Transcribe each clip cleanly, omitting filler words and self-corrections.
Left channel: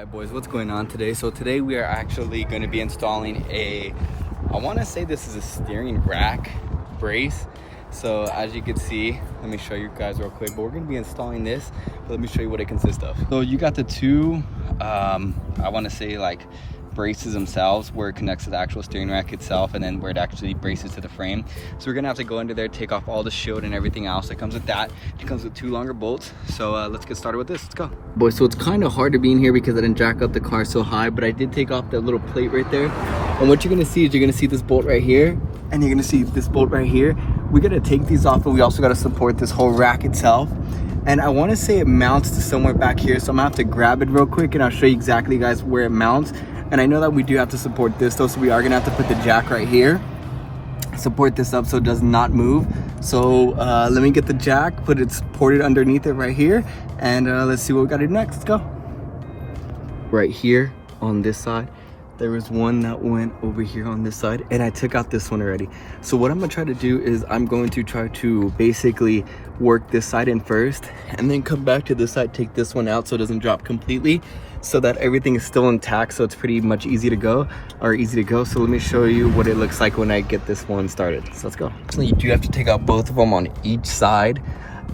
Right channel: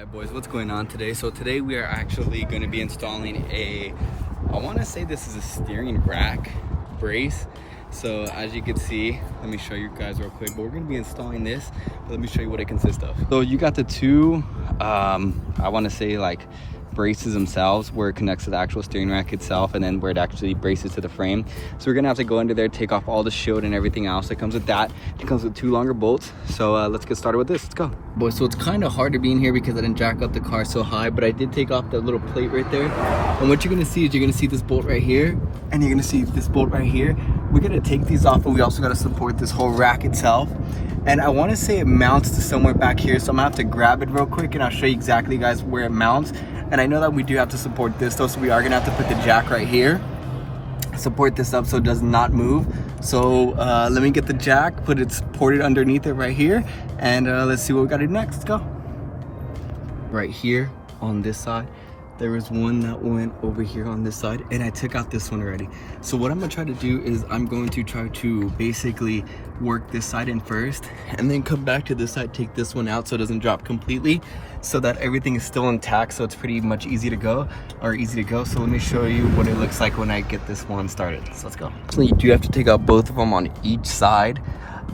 Alright boys, what's going on today? So today we are actually going to be installing I want to say this is a steering rack brace. So as you can see, let me show you guys real quick, but we're going to be installing this, but let me show you what it consists of. So you got the two, I want to say like braces themselves where it connects to the actual steering rack itself, and then where it actually braces to the frame. So we're gonna have to go into there, take off all the shield and everything else that comes with that. It comes with two longer bolts. So let's get started with this. Let's go, boys. So it's kind of hard to be in here because I didn't jack up the car so high, but I did take off that little plate right there. And what you're gonna see is you're gonna see this bolt right here, and you're gonna see this bolt right here. We're gonna take these off, but we also gotta support this whole rack itself. And I want to say it mounts to somewhere back here, so I'm gonna have to grab it real quick and I'll show you exactly, guys, where it mounts. And I know that we do have to support this though, so we are gonna have to put the jack right here, support this up so it does not move. So let me get the jack, put it supported underneath it right here, and let's see what we gotta do next. Let's go. Right here on this side, there was one that went over here on this side, and I took out this one already. So what I'm gonna try to do is I'm going to try to basically work this side in first, and then come back to this side, take this one out so it doesn't drop completely, so that everything is still intact, so it's pretty much easy to go. So let me show you what it looks like when I get this one started. So let's go. So you do have to take out both of them on each side,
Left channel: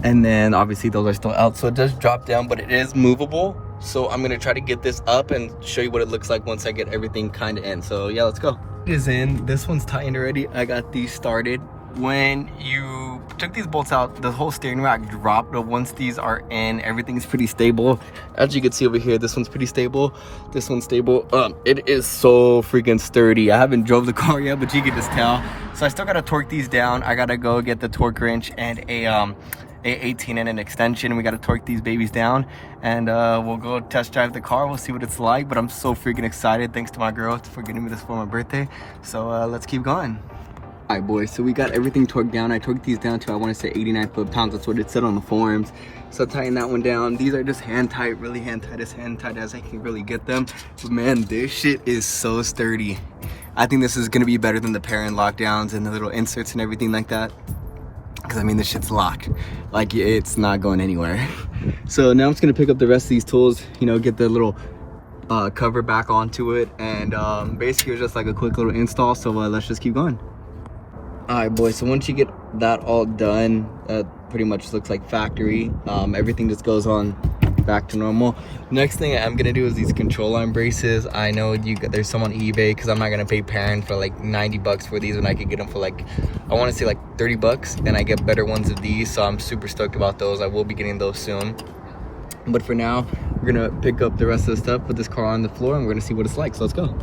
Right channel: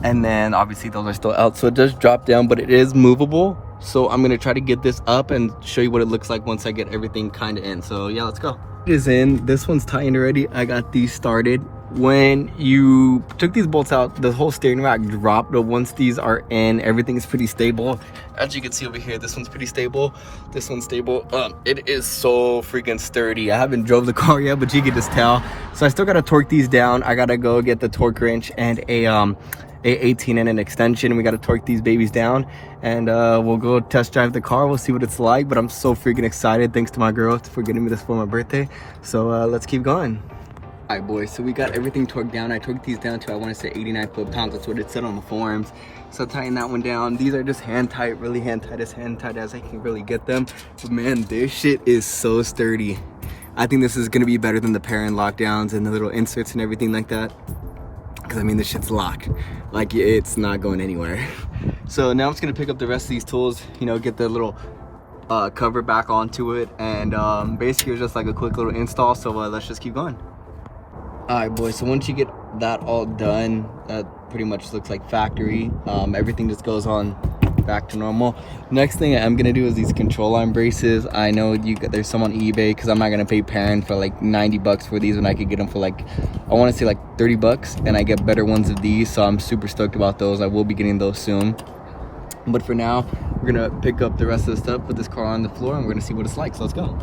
and then obviously those are still out, so it does drop down, but it is movable. So I'm gonna try to get this up and show you what it looks like once I get everything kind of in. So yeah, let's go. It is in. This one's tightened already. I got these started. When you took these bolts out, the whole steering rack dropped, but once these are in, everything is pretty stable. As you can see over here, this one's pretty stable, this one's stable. It is so freaking sturdy. I haven't drove the car yet, but you can just tell. So I still gotta torque these down. I gotta go get the torque wrench and a 18 and an extension. We got to torque these babies down, and we'll go test drive the car. We'll see what it's like, but I'm so freaking excited. Thanks to my girl for getting me this for my birthday. So let's keep going. All right, boys, so we got everything torqued down. I torqued these down to, I want to say 89 foot-pounds. That's what it said on the forums. So tighten that one down. These are just hand tight, really hand tight as I can really get them. But man, this shit is so sturdy. I think this is gonna be better than the parent lockdowns and the little inserts and everything like that, because I mean, this shit's locked, like it's not going anywhere. So now I'm just gonna pick up the rest of these tools, you know, get the little cover back onto it, and basically it's just like a quick little install. So let's just keep going. All right, boys, so once you get that all done, pretty much looks like factory. Everything just goes on back to normal. Next thing I'm gonna do is these control arm braces. I know there's some on eBay, because I'm not gonna pay parent for like 90 bucks for these when I could get them for like, I want to say like 30 bucks, and I get better ones of these. So I'm super stoked about those. I will be getting those soon. But for now, we're gonna pick up the rest of the stuff, put this car on the floor, and we're gonna see what it's like. So let's go.